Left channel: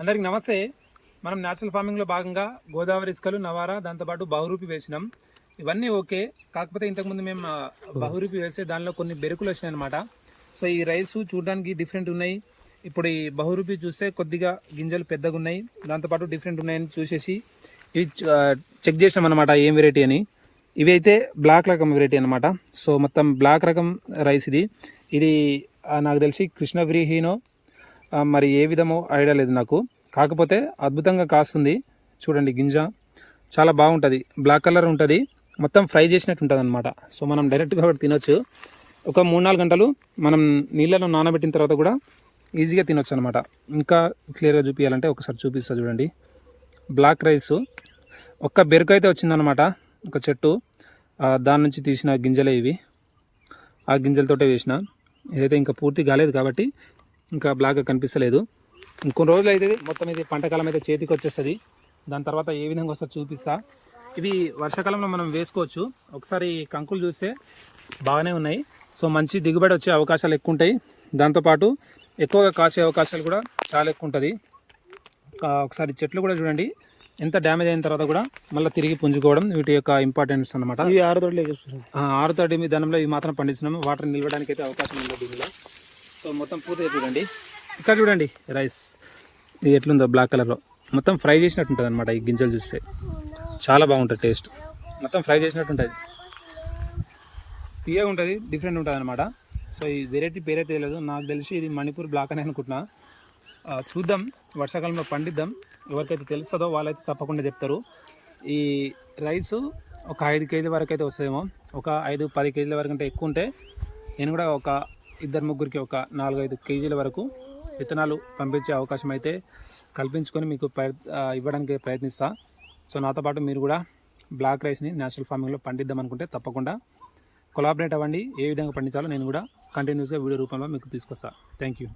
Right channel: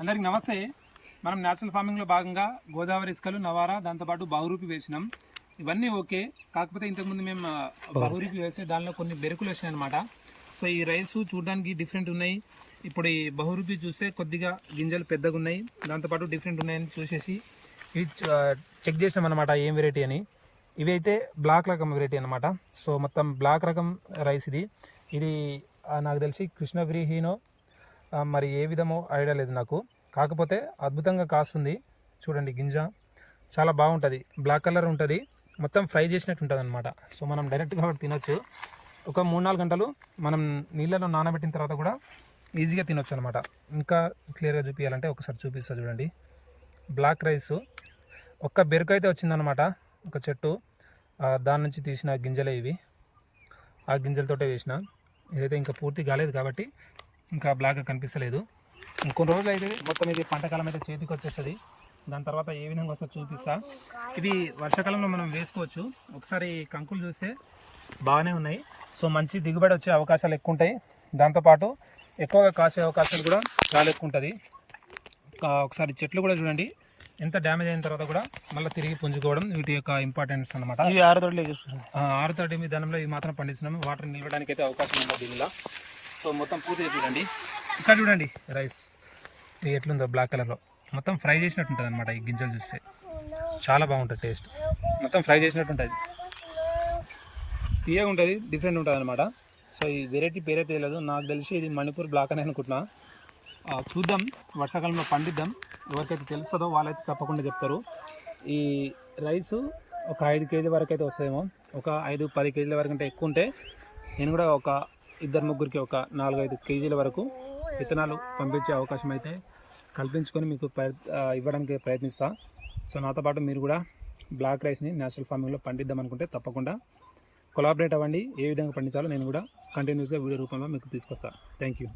అందరికి నమస్తే. మనం న్యాచురల్ ఫార్మింగ్లో భాగంగా గోదావరి ఇసుకలు, నవారా, దాంతోపాటు బహురూపి వేసినాం. ఇవన్నీ ఓకే. కాకపోతే ఇంతకుముందు మేము బహురూపి వేస్తే దానిలో కొన్ని బెరుకులు వచ్చినాయి అనమాట. సో ఈ రైస్ చూడడానికి డిఫరెంట్ ఉన్నాయి. ఇప్పుడు ఈ బహురూపి చూస్తే కొద్దిగా గింజలు పెద్దగా ఉన్నాయి, దాంతోపాటు డిఫరెంట్ ఉన్నాయని చూసేసి ఇవి చెక్ చేసినాం అనమాట ఏం వెరైటీ అని. ఇవి అయితే బ్లాక్ రకం వెరైటీ అనమాట. సో మొత్తం బ్లాక్ రకం రైస్ ఇది నాకు తెలిసి కృష్ణవ్రీహీనో మరి ఏ విధమో ఐడియా లేదు నాకు. కాకపోతే అద్భుతంగా కాస్తుంది. చూడండి గింజ చాలా బాగుంటుంది, బ్లాక్ కలర్ ఉంటుంది, మొత్తం ఫ్రై చేసినట్టు ఉంటుంది అనమాట. సో మనం డైరెక్ట్గా కూడా తినొచ్చు. ఒక 3-4 గంటలు మనం నీళ్ళలో నానబెట్టిన తర్వాత కూడా ఈజీగా తినొచ్చు అనమాట. ఇంకా క్లియర్గా చూపించాలంటే ఒకసారి చూపిస్తా చూడండి. బ్లాక్ రైస్ ఒక్క బెరుకు అయితే వచ్చిందనమాట, ఒక చెట్టు, దాని నుంచి తీసిన గింజలే ఇవి. ఆ గింజలతోటే వేసిన. ఇదైతే ఇంకా పూర్తి కాలేదు కాబట్టి ఇంకా బ్లాక్గా కనిపిస్తలేదు. ఇంకొన్ని రోజులు అయితే మొత్తం ఇది పంటకాలం అయితే చేతికి వచ్చేస్తుంది. దాని తర్వాత ఏ విధంగా వస్తుందో చూపిస్తా. ఇది వర్షాకాలంలో మనం వేసుకోవచ్చు. ఒకసారి కంకులు చూస్తే బాగానే ఉన్నాయి. సో మంచి దిగుబడి వచ్చే అవకాశాలు ఎక్కువ ఉంటాయి. దాంతోపాటు ఎక్కువగా కాసే అవకాశాలు కూడా చాలా ఎక్కువ ఉంటుంది. ఒకసారి చెట్లు కూడా చూడండి, ఎంత డ్యామేజ్ అయిన తర్వాత కూడా మళ్ళీ తిరిగి పుంజుకోవడం వీటి యొక్క ఇంపార్టెన్స్ అనమాట. ఆరుతోటి విధానంలో ఇవి మాత్రం పండిస్తున్నాము. వాటర్ నిలవడానికి అయితే అవకాశం ఉంది దీనిలో. సో మొత్తం పూర్తిగా చూడండి. ఇక్కడ చూడండి రైస్ ఇది ఎట్లుందో బ్లాక్ కలర్లో మొత్తం ఫ్రై చేసినట్టు ఉంటుంది అనమాట. ఈ గింజలు చూస్తే చాలా బాగుంటుంది, టేస్ట్ మొత్తం ఫ్రై చేసినట్టు ఉంటుంది, తీయగా ఉంటుంది, డిఫరెంట్ ఉంటుంది అనమాట. సో ఈ వెరైటీ పేరైతే తెలియదు, నాకు తెలిసి ఇది మణిపూర్ బ్లాక్ అని అనుకుంటున్నా. చూద్దాం, వర్షాకాలంలో పండిద్దాం. ఎవరికైతే తెలుస్తుందో వాళ్ళైతే తప్పకుండా చెప్తారు. ఈ రైసు ఒక 5 కేజీల వరకు అయితే వస్తాయేమో. ఒక 5-10 కేజీల వరకు అంటే ఎక్కువ ఉంటే నేను కూడా ఒక 2-3కి ఒక 4-5 కేజీల వరకు విత్తనాలు పంపించే అవకాశం అయితే కల్పించుకొని మీకు ఇవ్వడానికి ప్రయత్నిస్తా. సో నాతో పాటు మీరు కూడా బ్లాక్ రైస్ని న్యాచురల్ ఫార్మింగ్లో పండిద్దాం అనుకుంటే తప్పకుండా కొలాబరేట్ అవ్వండి. ఏ విధంగా పండించాలో నేను కూడా కంటిన్యూస్గా వీడియో రూపంలో మీకు తీసుకొస్తాను. Thank you.